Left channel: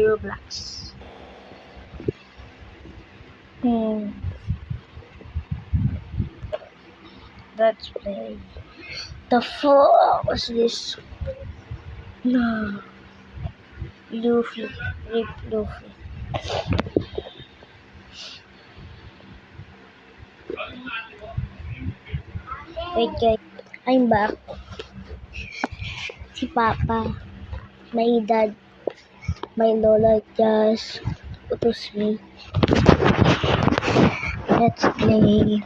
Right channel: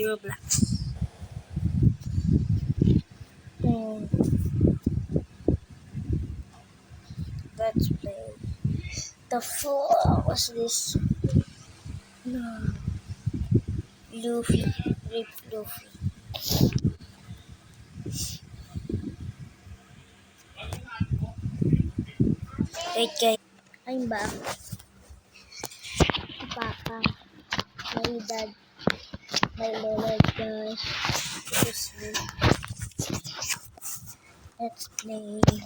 Roblox. Let's play. The fuck was this? No. Luffy. Rip Luffy. Hey guys, I'm back. Si Papa, my dad, my lola just was me. Let's play.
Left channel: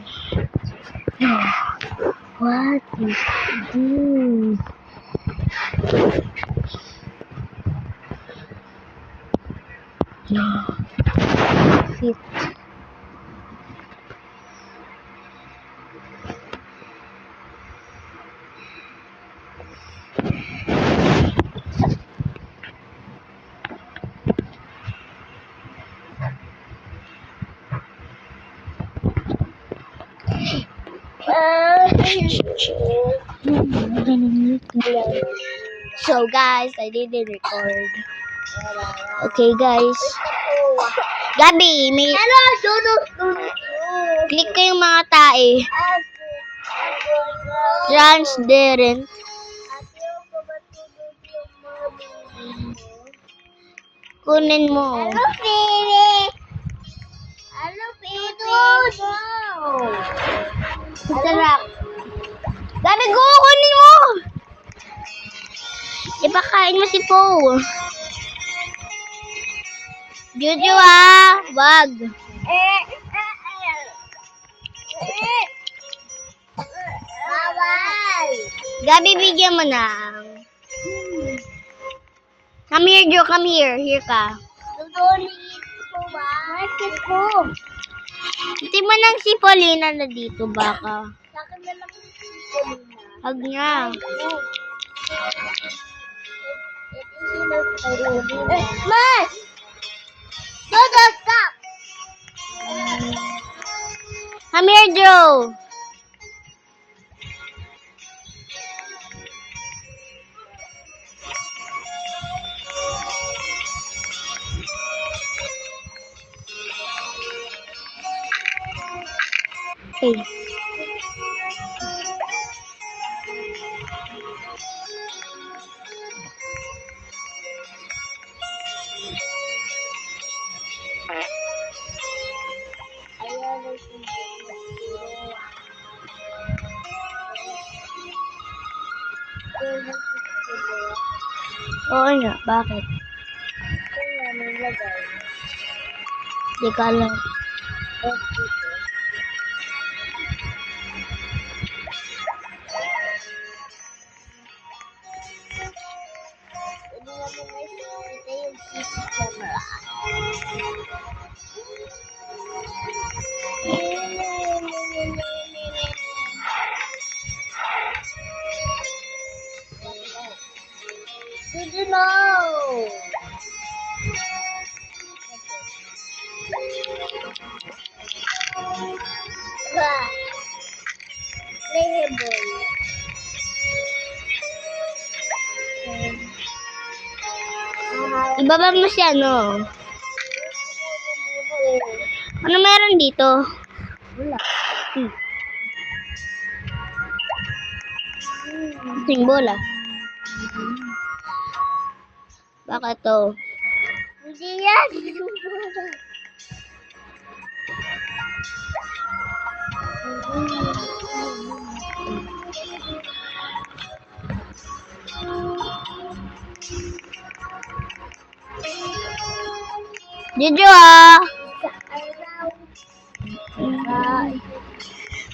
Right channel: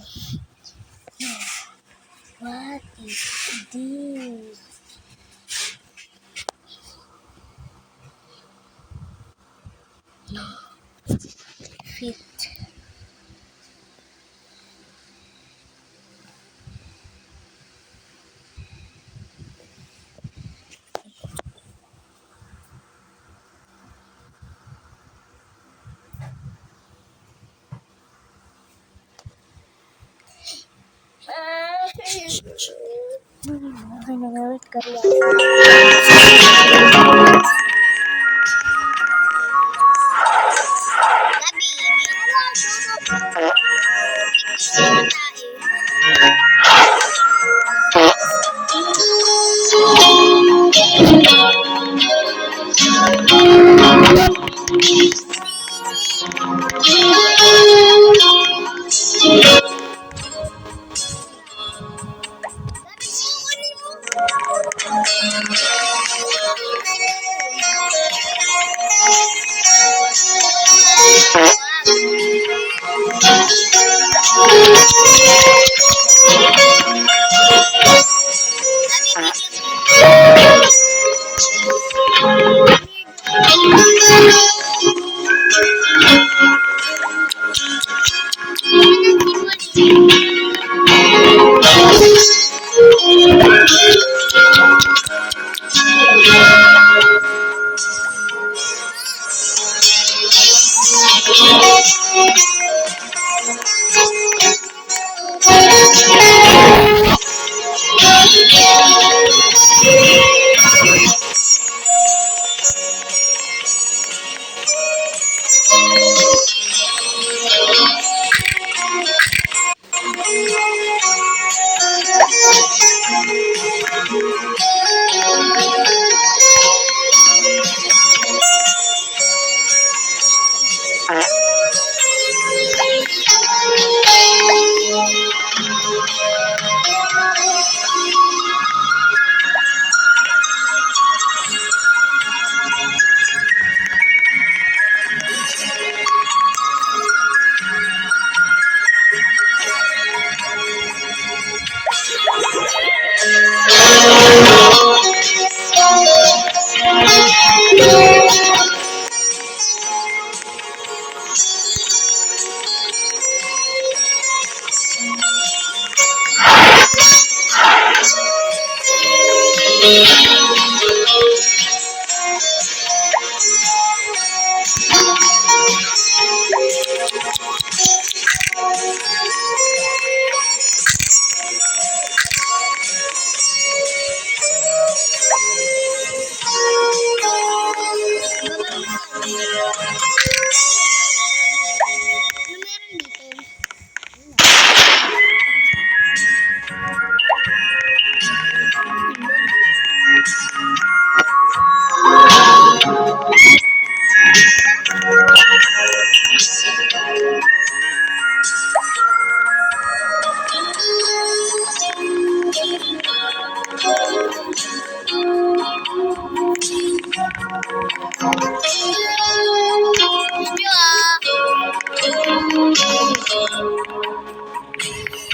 What is this? No. Fit. Okay guys. Gabi, may click ko yung mga tae. Chance Deren. Kunin mo. Sarap. Gabi, kunin mo. Ipakain mo si Po. Jojo wag. Gabi, bigyan mo na. Come here, Jo, come here. Hindi mo nang si Paulina nandito ba? Mas! Come here, Joe. Oo nga, bakit? Di ka alam. Ibaba mo siya, no? Ano meron dito? Wala. Yung bola. Ito. Jojo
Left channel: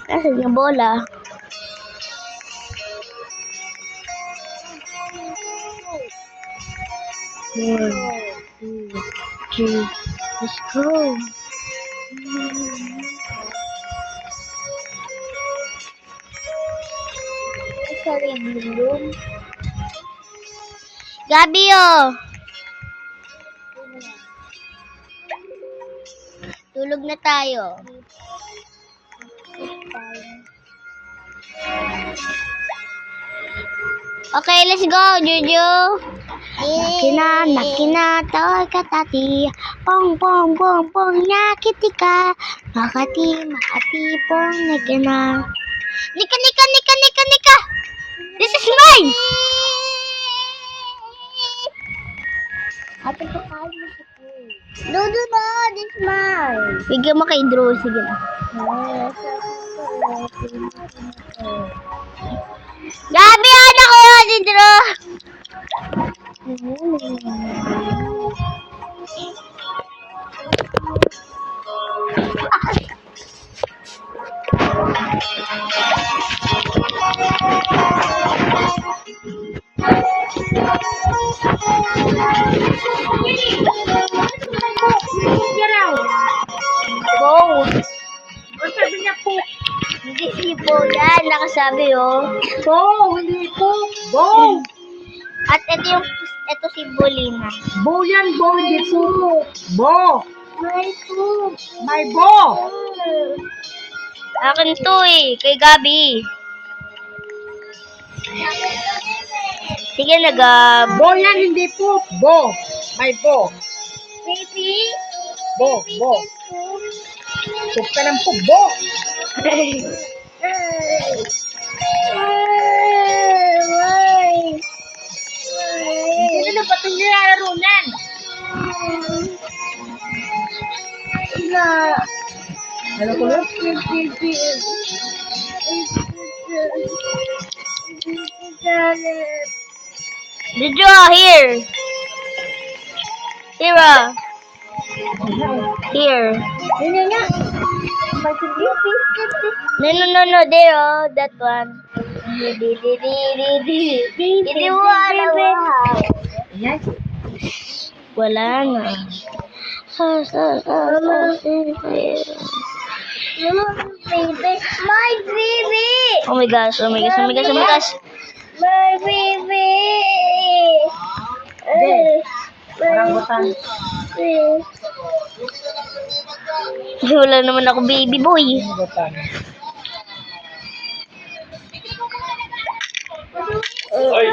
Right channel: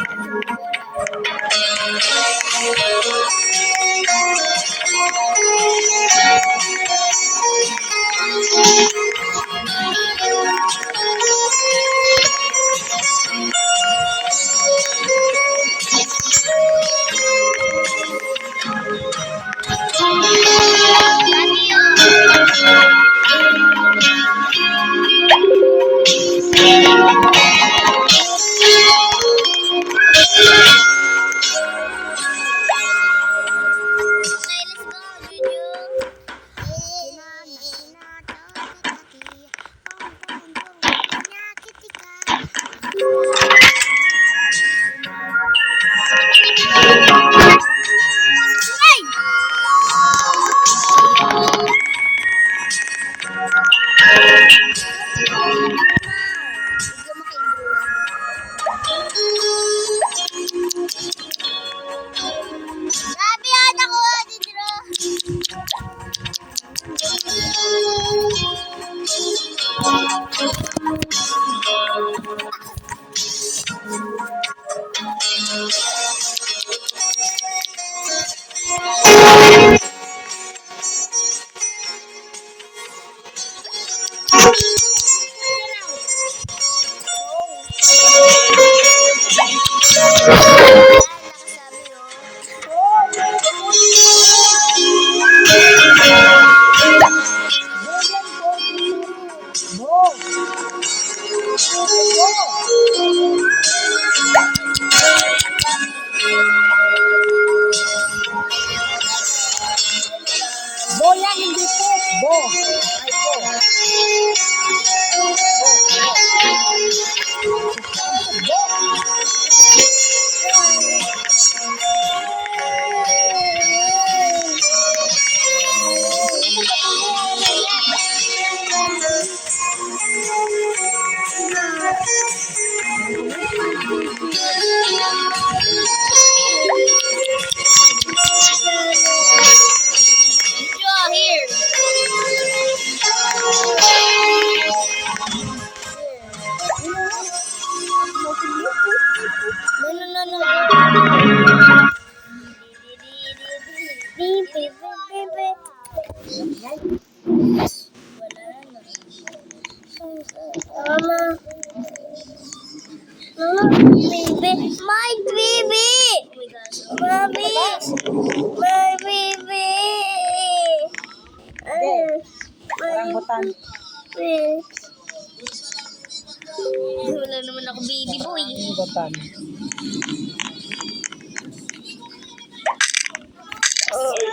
Kasi yung bola. Gabi Okay, let's go, Jojo. Nakina to. katati. Pong pong pong pong nyakitika. Kakati pong nagana. Nika. This is mine. Dodo na. Bigyan mo kay Drew. Sige na. Gabi, anak ko yun, si Drew. Yan, nakasabi oh. Bo! Bo yan, Bo. Hindi po. Bo! May Bo! Akin to eh, kay Gabi. Sige na, Gab. Bo yan, hindi po. Bo! May Bo. Bo. Pup ka ng pup, Bo! Ano ba itong nilalaro yan? Ano ko lang? Did you here? Here. No, there. Wala na. My baby! Oh my gosh. My baby! Rambutan. Wala naman ako baby boy. Rambutan. Oy!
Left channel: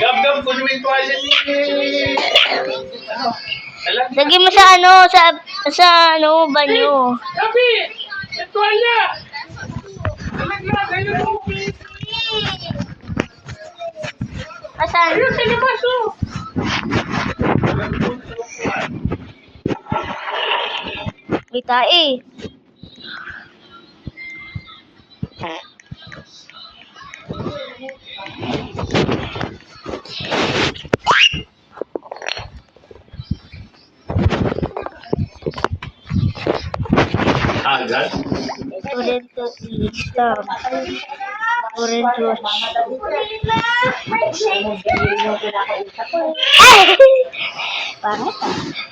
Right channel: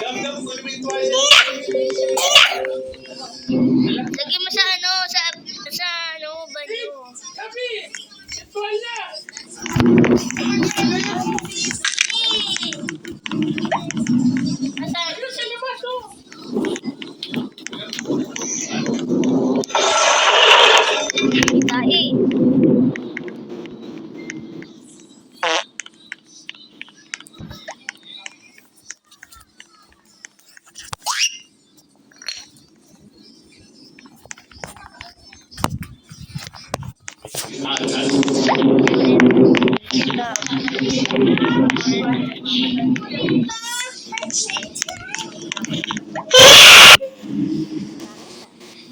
Gab, kunin mo yung tuwalya. Lagay mo sa banyo. Gabi! Yung tuwalya! Asan? Ayun, sa labas, oh! Kita eh.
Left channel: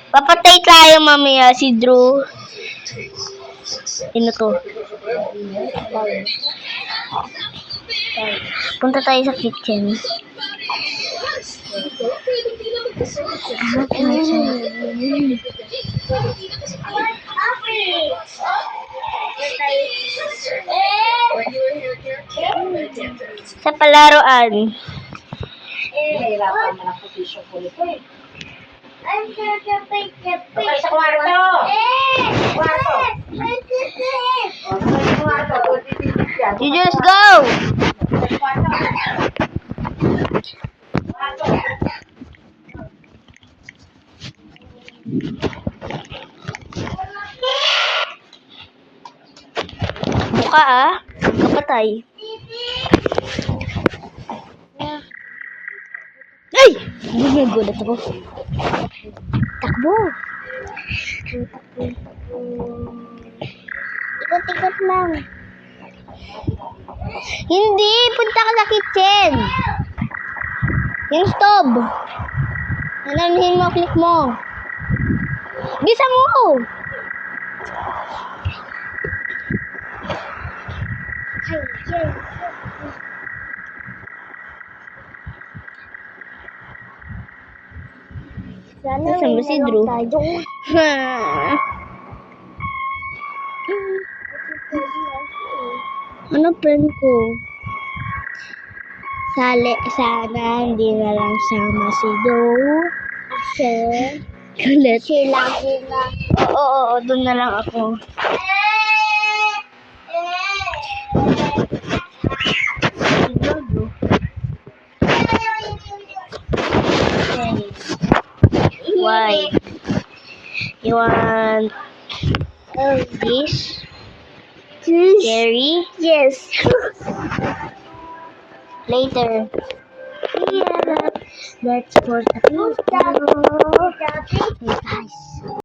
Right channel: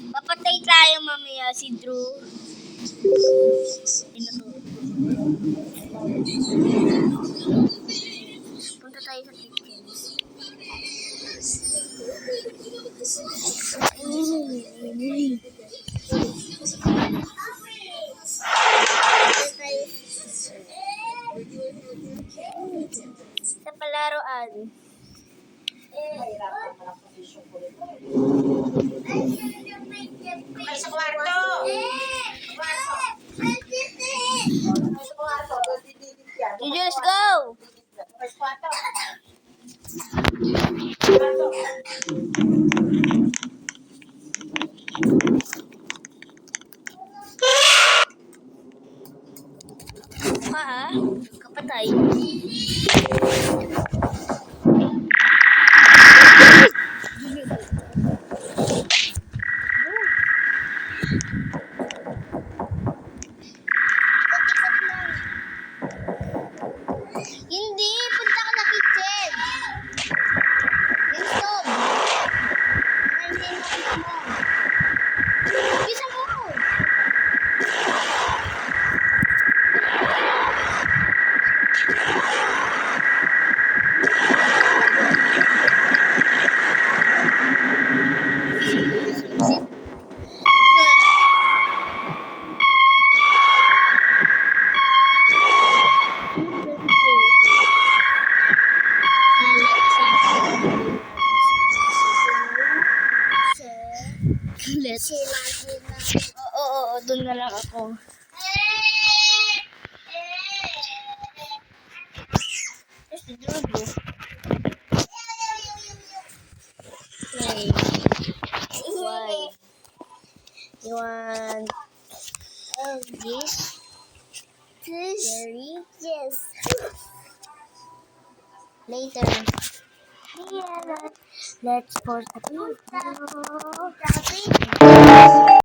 Papatay tayo mamaya si Drew. Ano to? Punta tayo sa kitchen. Sa palaruan. Sa kwarto! You just go! Buka ah. Kapatay. Ay! Hindi gulat ako. Takbo. Ikot-ikot lang. Hindi, punta ka sa kitchen. Yung stove. Nananahin mo, click mo. Bisa mo. Nasaan ba si Drew? Ano friend ko? Sana hindi na lang sama si Joe. Kulit. Si lagi na. Oo, doon na lang ako. Okay. Why? You want this? Jerry? Yes. Later. Yeah. Let's put a picture. Daddy.